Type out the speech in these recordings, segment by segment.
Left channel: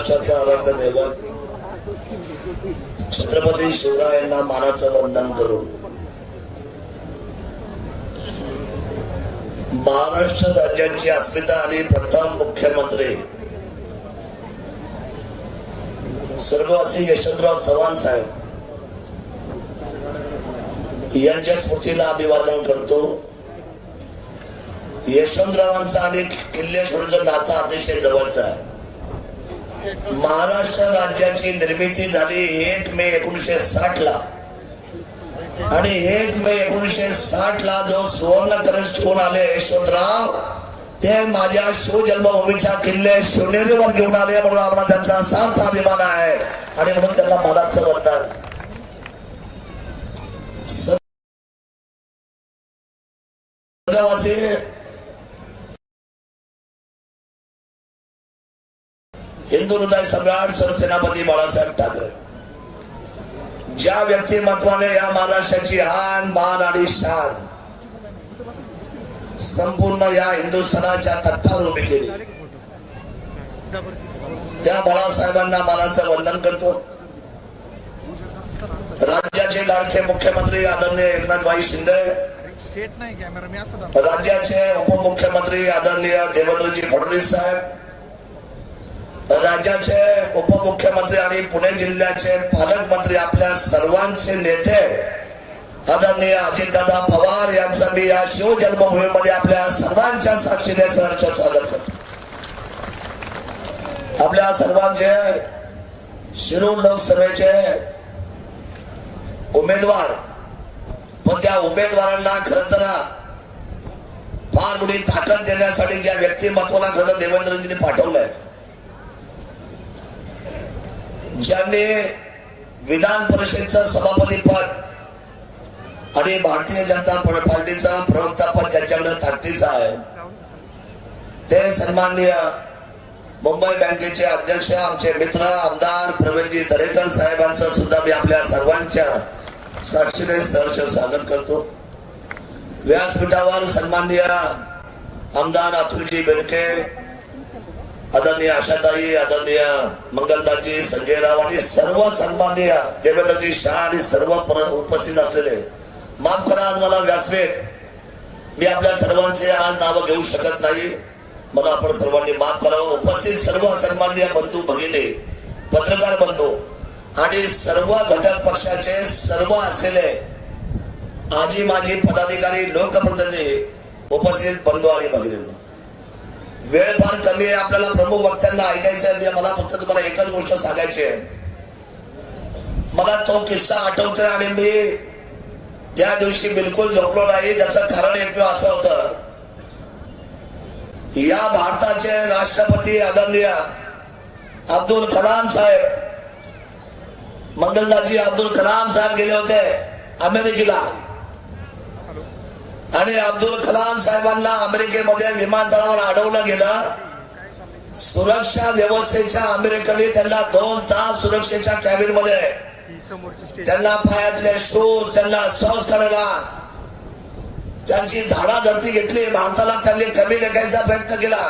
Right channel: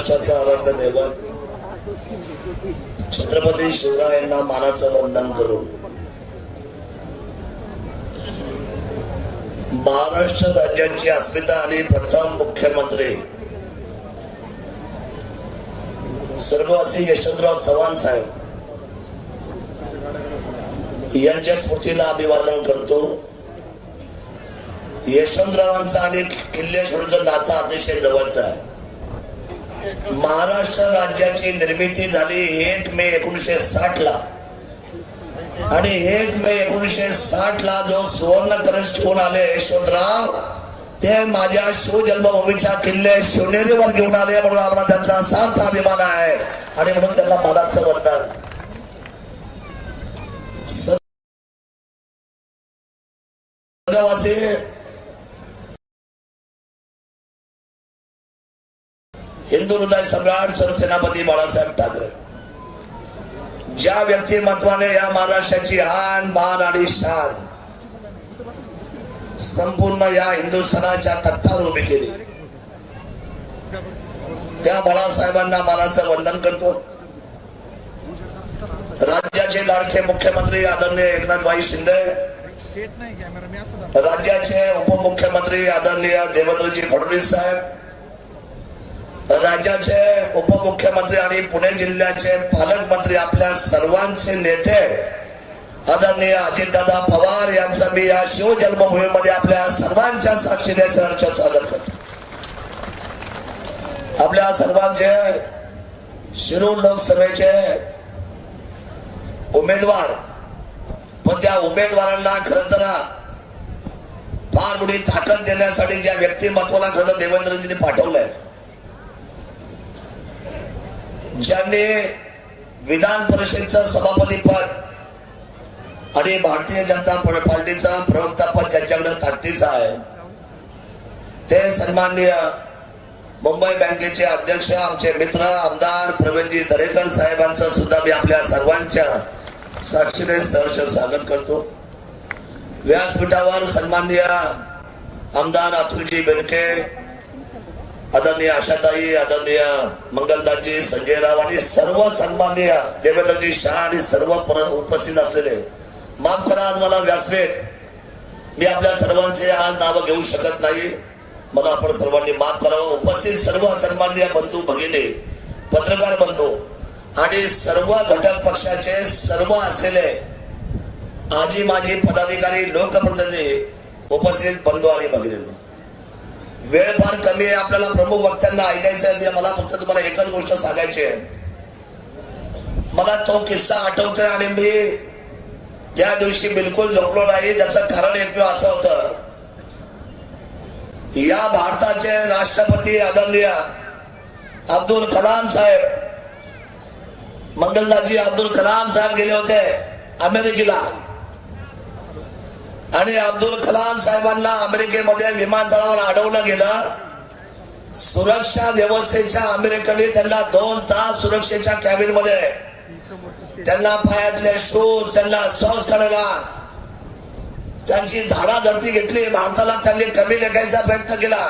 महाराष्ट्राचा आराध्य दैवत छत्रपती शिवरायांना मानाचं वंदन करून महाराष्ट्र राज्याची अस्मिता आणि प्रथम मुख्यमंत्री स्वर्गवासी यशवंतराव चव्हाण साहेब यांच्या स्मृतीला अभिवादन करतो. यशवंतरावांचा आणि किल्लेश्वरचं नातं अतिशय जवळचं आहे. महाराष्ट्र राज्याची निर्मिती झाली एक मे एकोणीशे साठ ला आणि एक मे एकोणीशे साठ ला जो सुवर्ण कलश घेऊन आले यशवंतराव ते माझ्या शिवजन्मभूमीच्या किल्ले शिवनेरीवर घेऊन आले म्हणून आम्हाला त्यांचा सार्थ अभिमान आहे. आणि म्हणून त्यांना मनाचं वरदान स्वर्गवासी हिंदू सम्राट सरसेनापती बाळासाहेब ठाकरे. ज्या व्यक्तिमत्वाने या महाराष्ट्राची आन बाण आणि शान संपूर्ण या हिंदुस्थानाच्या तख्तावर उभी केली. त्या बाळासाहेबांना मानाचं वंदन करतो. राज्याचे लाडके मुख्यमंत्री आदरणीय एकनाथभाई शिंदे राज्याचे उपमुख्यमंत्री आदरणीय देवेंद्रजी फडणवीस साहेब राज्याचे उपमुख्यमंत्री आणि पुणे जिल्ह्याचे पालकमंत्री आपल्या सर्वांचे नेते आदरणीय अजितदादा पवार यांचं मी या शिवजन्मभूमीमध्ये आपल्या सर्वांच्या साक्षीने सहर्ष स्वागत करतो. आपल्या सर्वांचे शिरूर लोकसभेचे उमेदवार पण त्या उमेदवारांना खरं तर फार मोठी ताकद देण्यासाठी ज्या व्यक्तिमत्वाला खरं देवेंद्रजींनी पाठवलंय विधान परिषदेचं सभापती पद आणि भारतीय जनता पार्टीचा प्रवक्ता पद ज्यांच्याकडे ताकदीचा आहे. ते सन्माननीय मुंबई बँकेचे अध्यक्ष आमचे मित्र आमदार प्रवीणजी दरेकर साहेबांचं सुद्धा मी आपल्या सर्वांच्या साक्षीने सहर्ष स्वागत करतो. व्यासपीठावर सन्माननीय आमदार अतुलजी बेलके आदरणीय आशाताई आदरणीय मंगलदाजी संजय राव आणि सर्व सन्माननीय देवेंद्रजी शाह आणि सर्व उपस्थित असलेले. माफ करा आज मला व्यासले मी आपल्या सर्वांचे आज नावं घेऊ शकत नाही. मला आपण सर्वांनी माफ करावं. उपस्थित सर्व सन्माननीय बंधू भगिनी पत्रकार बंधू आणि सर्व घटक पक्षाचे सर्व असलेले आजी माजी पदाधिकारी लोकप्रतिनिधी उपस्थित बंधू आणि भगिनी वेळ फार कमी आहे. आपल्याला प्रमुख वक्त्यांना ऐकायचं आहे. मला फक्त तुम्हाला एकच गोष्ट सांगायची आहे. मला तो किस्सा आठवतोय आणि मी त्या दिवशी बिलकुल झोपलो नाही त्याचं कारण एकमेव असं होतं. या भारताचे राष्ट्रपती आदरणीय अब्दुल कलाम साहेब मंगलदासजी अब्दुल कलाम साहेब गेले होते अमेरिकेला. आणि अब्दुल कलाम साहेबांना अमेरिकेमध्ये विमानतळावर अडवलं गेलं. सुरक्षा व्यवस्थेच्या अमेरिकेने त्यांना दोन तास सुरक्षेच्या कॅबिनमध्ये त्यांना पायातले शूज त्यांना सॉस काढायला त्यांची धाडाधर्ती घेतली. भारताला त्यांनी कमी लेखायचा प्रयत्न केला.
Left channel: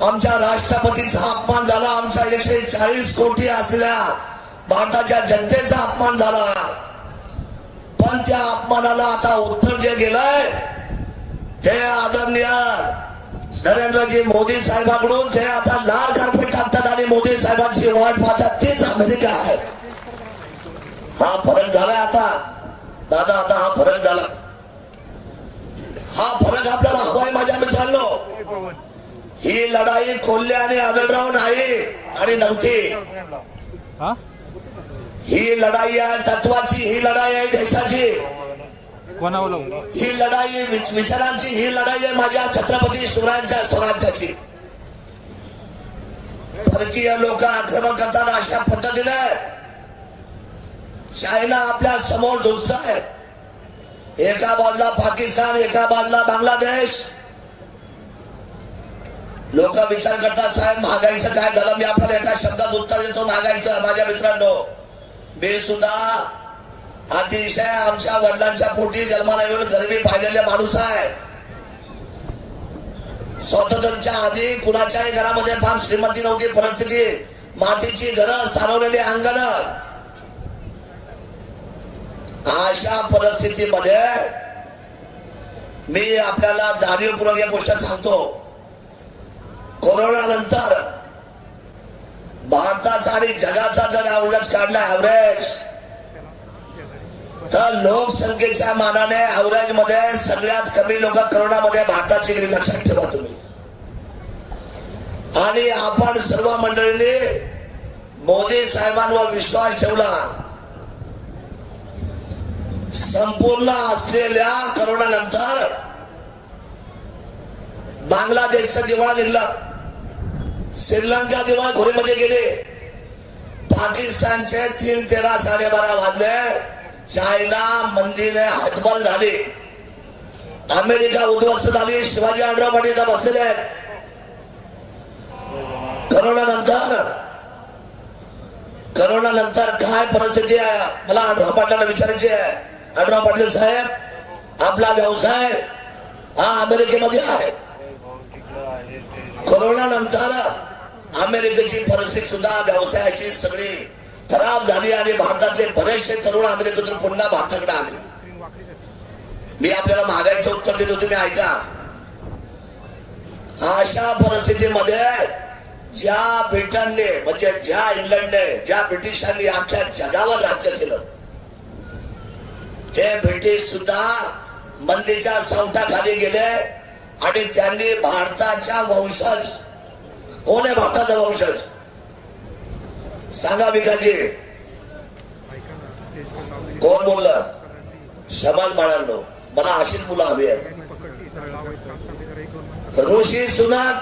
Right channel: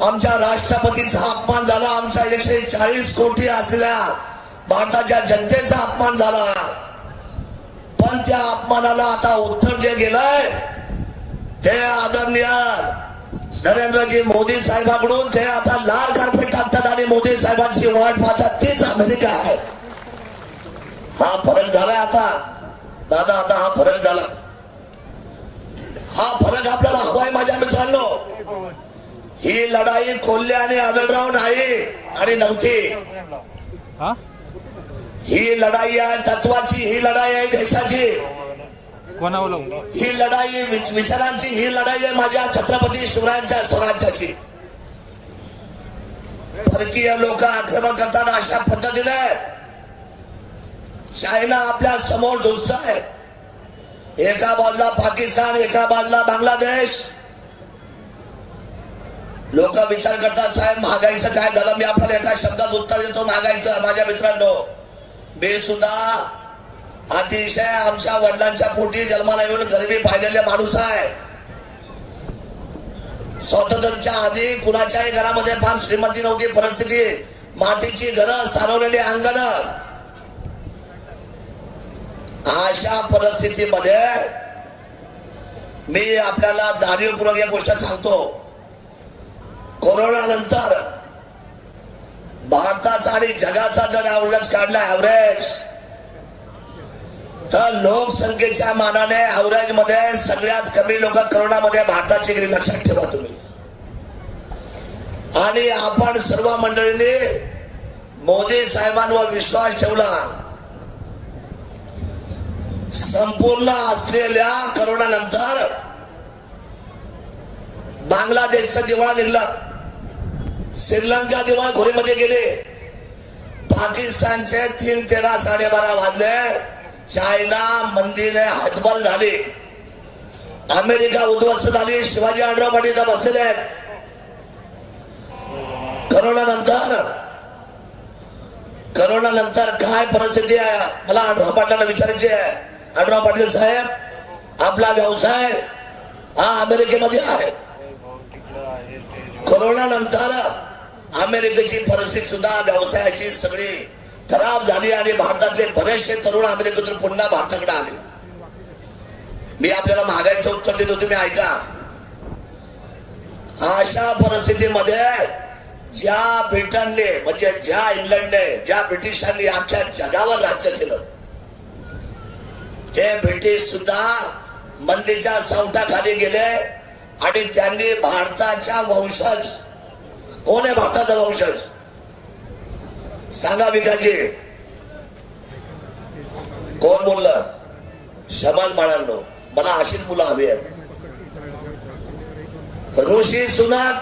आमच्या राष्ट्रपतीचा अपमान झाला. आमच्या एकशे चाळीस कोटी असलेल्या भारताच्या जनतेचा अपमान झाला. त्या आता उत्तर जे गेलंय ते आदरणीय नरेंद्रजी मोदी साहेबांकडून जे आता लाल कार्पेट टाकतात आणि मोदी साहेबांची वाट पाहतात. आमच्या पोटी जन्माला येऊन गरिबी पाहिलेले माणूस आहे. स्वातंत्र्याच्या आधी कुणाच्याही घरामध्ये फार श्रीमंती नव्हती परिस्थिती मातीची घरं सारवलेली अंगण. अशा परिस्थितीमध्ये मी आपल्याला जाणीवपूर्वक या गोष्ट सांगतो. कोरोना नंतर भारताचा आणि जगाचा जर ऍव्हरेज काढला ऍव्हरेज लोकसंख्येच्या मानाने ऍव्हरेजमध्ये सगळ्यात कमी लोक करोनामध्ये भारताची गेली. लक्षात ठेवा तुम्ही. आणि आपण सर्व मंडळींनी मोदी साहेबांवर विश्वास ठेवला. संपूर्ण असलेल्या करोना नंतर बांगलादेशचा दिवाळा निघला. श्रीलंका दिवाळ घोरीमध्ये गेले. पाकिस्तानचे तीन तेरा साडेबारा वाजले. चायना मंदिरे हातबल झाली. अमेरिका उद्ध्वस्त झाली. शिवाजी आडवा पाटील इथं बसलेले आहेत. करोना नंतर करोना नंतर काय परिस्थिती आहे? मला आढळराव पाटलांना विचारायची आहे. आडवा पाटील साहेब आपला व्यवसाय हा अमेरिकेमध्ये आहे. करोना नंतर अमेरिकेची परिस्थिती सुद्धा व्यवसायाची सगळी खराब झाली आणि भारतातले बरेचसे तरुण अमेरिकेतून पुन्हा भारताकडे आले. मी आपल्याला महागाईचं उत्तर देतो तुम्ही ऐका. अशा परिस्थितीमध्ये ज्या ब्रिटनने म्हणजे ज्या इंग्लंडने ज्या ब्रिटिशांनी आमच्या जगावर राज्य केलं ते ब्रिटिश सुद्धा मंदीच्या सावटाखाली गेले आणि त्यांनी भारताच्या वंशज कोण आहे भारताचा वंशज? सांगा विकाजी कोण बोललं? समाज म्हणालो मला अशीच मुलं हवी आहेत. ऋषी सुनाक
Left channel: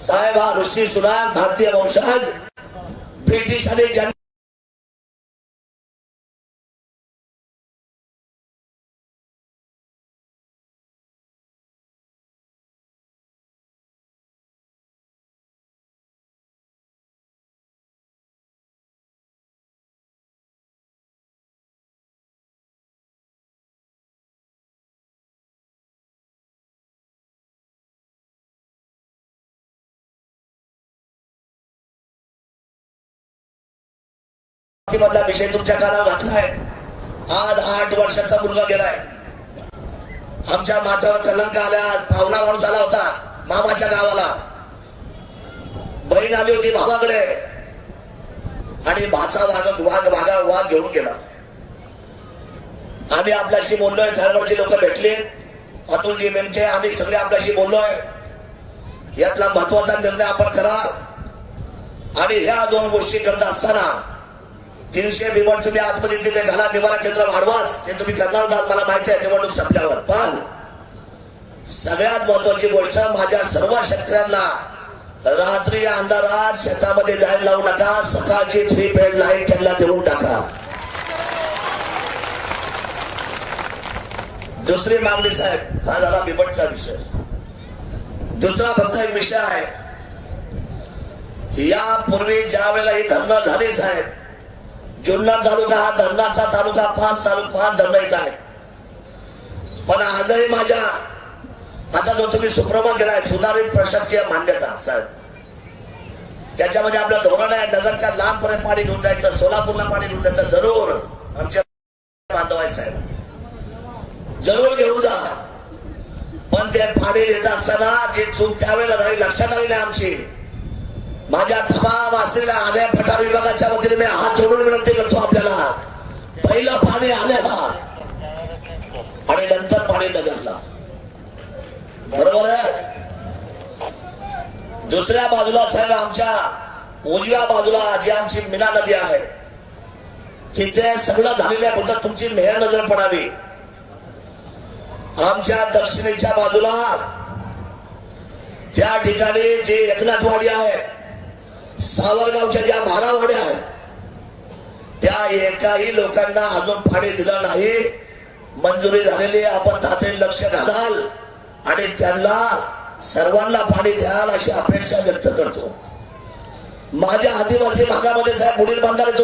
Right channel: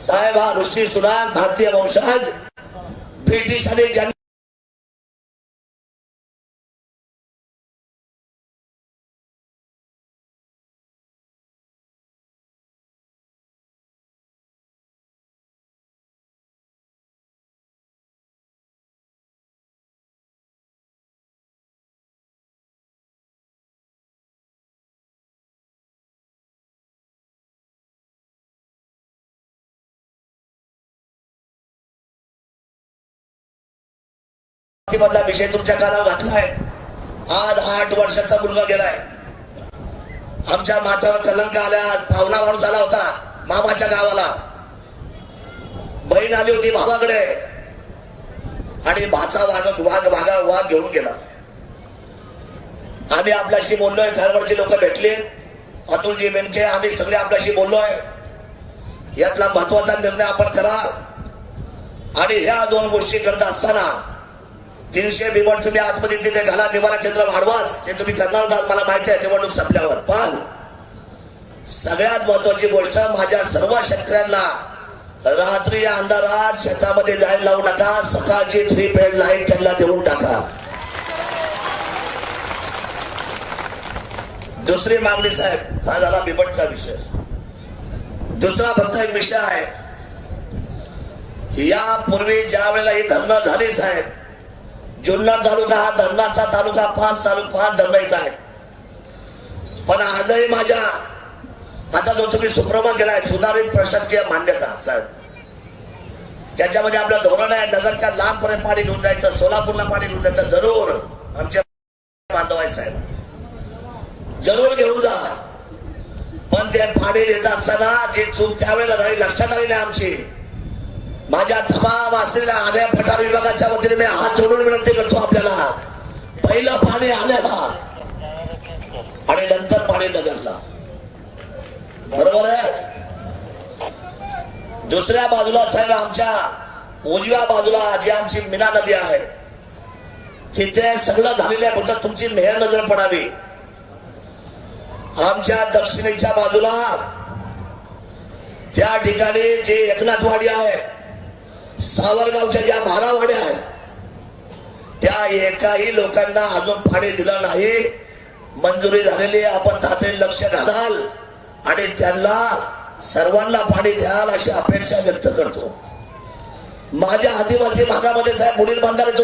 साहेब हा ऋषी सुनाक भारतीय वंशज. ब्रिटिश आणि मधला विषय तुमच्या कानावर घातलाय आज आठ वर्षाचा मुलगा गेलाय. आमच्या माथ्यावर कलंक आल्या भावना माणूस आला होता मामाच्या गावाला. बहीण आली होती भावाकडे. आणि भाचा वाघ वाघ भागा वाघ घेऊन गेला. आम्ही आपल्याशी बोललोय घरवरची लोक भेटली. अतुलजी मेमके आम्ही सगळे आपल्याशी बोललोय. यातला महत्त्वाचा निर्णय आपण करा. आणि ह्या दोन गोष्टी करत असताना तीनशे निवड तुम्ही आतमध्ये तिथे घाला निवारा केंद्र वाढवाच. ते तुम्ही करणार का? मला माहिती आहे निवडणूक संपल्यावर पण सगळ्यात महत्वाची गोष्ट माझ्या सर्व शेतकऱ्यांना रात्री अंधारात शेतामध्ये लाईन लावू नका सकाळची थ्री पेड लाईन त्यांना देऊन टाका. दुसरी मागणी साहेब हा झाला बिबटचा विषय. दुसरा फक्त एक विषय आहे. यापूर्वी ज्या वेळेला ही धरणं झाली साहेब जुन्नर तालुका हा धरणाचा तालुका पाच तालुका पाच धरणाचा आहे. पण आजही माझ्या आता जो तुम्ही सुप्रमण केलाय सुधारित प्रशासकीय मान्यता साहेब. त्याच्यामध्ये आपलं धोरण आहे नगरच्या लांबपर्यंत पाणी घेऊन जायचं सोलापूरला पाणी घेऊन जायचं जरूर. आमच्या गावच्या दक्षिणेच्या बाजूला. त्या ठिकाणी जी एकनाथवाडी आहे सावरगावच्या ज्या भारावाड्या आहे त्या एकाही लोकांना अजून पाणी दिलं नाही. मंजुरी झालेली आपण तातडीने लक्ष घालाल आणि त्यांना सर्वांना पाणी द्याल अशी अपेक्षा व्यक्त करतो. माझ्या आदिवासी भागामध्ये साहेब पुढील बांधारे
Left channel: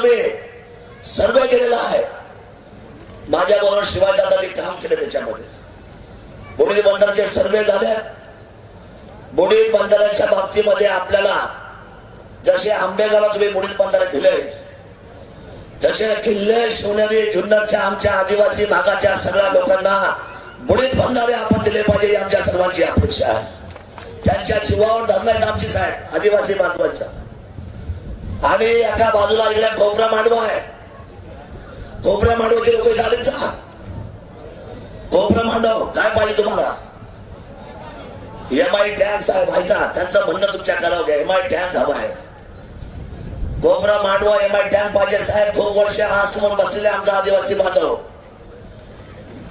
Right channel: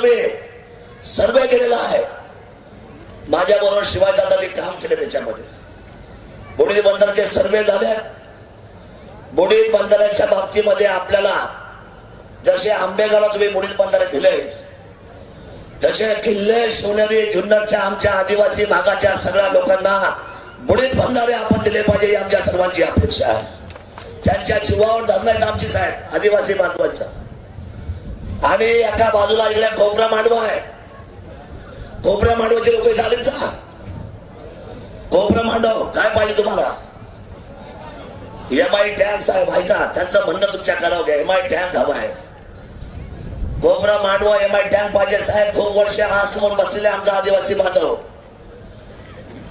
शिवावर धरणार आमची साहेब आदिवासी बांधवांच्या. आणि एका बाजूला इकडे कोपरा मांडवा आहे. कोपऱ्या मांडवाचे लोक काढत का? कोपरा मांडव काय पाहिजे तुम्हाला? एम आय टँक साहेब ऐका त्यांचं म्हणणं तुमच्या करावं घ्या. एम आय टँक हवा आहे. कोपरा मांडवा एम आय टँक पाहिजे साहेब. खूप वर्ष हास म्हणून बसलेले आमचा आदिवासी बांधव.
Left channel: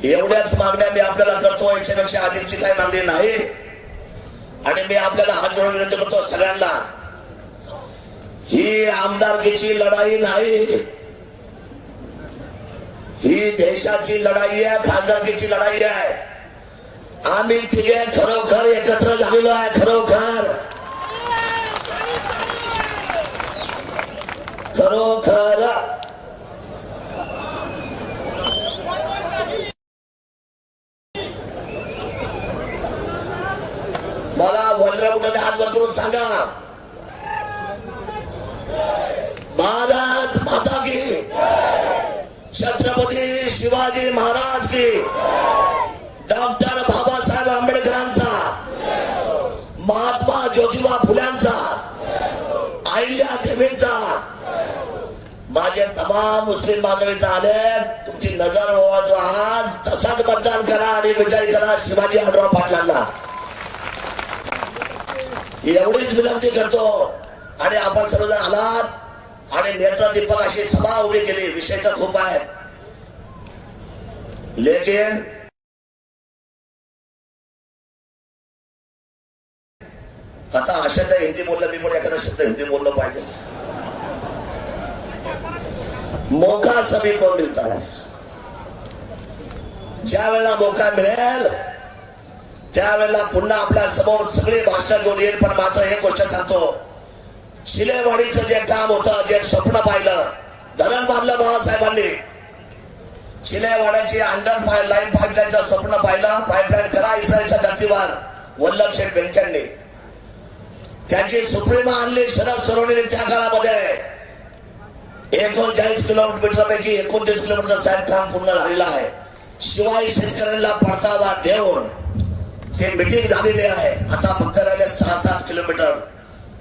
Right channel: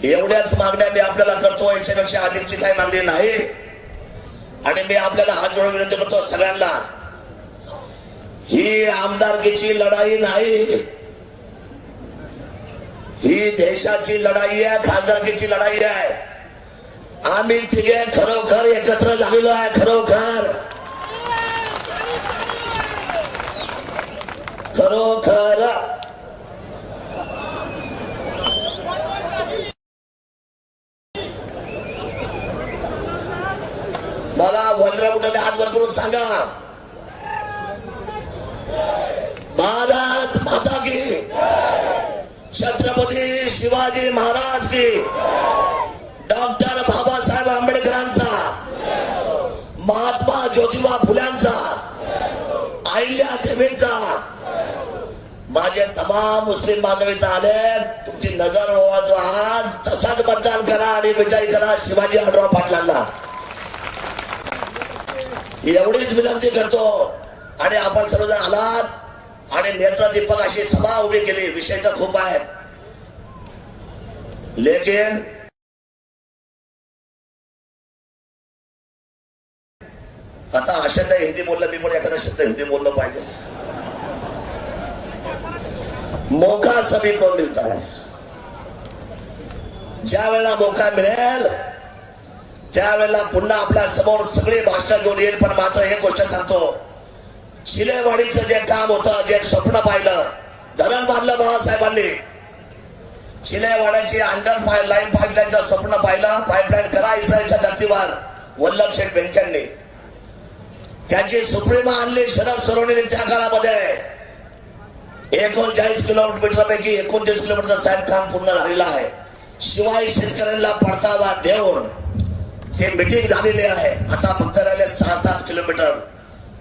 एवढ्याच मागण्या मी आपल्याला करतो याच्यापेक्षा अधिकची काय मागणी नाही. आणि मी आपल्याला हात जोडून विनंती करतो सगळ्यांना ही आमदारकीची लढाई नाही. ही देशाची लढाई आहे खासदारकीची लढाई आहे. आम्ही तिघे खरोखर एकत्र झालेलो आहे खरोखर. खरोखर लेकिन आता हा शब्द हिंदी बोललं मी पण एखादा शब्द हिंदी बोललं पाहिजे. मौका सभी को मिळता है. ज्या वेळेला मौका मिळेल त्यावेळेला पुन्हा आपल्यासमोर सगळी भाषा घेऊन येईल. पण मात्र हे गोष्ट सांगतो शिलेवाडीच आलेले आहे. आता फक्त आले सहा सात किलोमीटर.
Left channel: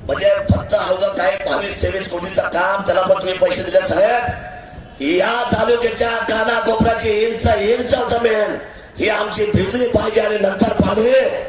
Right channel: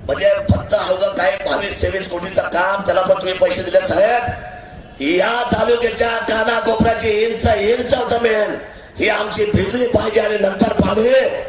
म्हणजे फक्त अवघड काय? बावीस तेवीस कोटीचं काम त्याला पण तुम्ही पैसे दिले साहेब. या तालुक्याच्या कानाकोपऱ्याची इंच इंच जमेल ही आमची भिजली पाहिजे आणि नंतर पाहिजे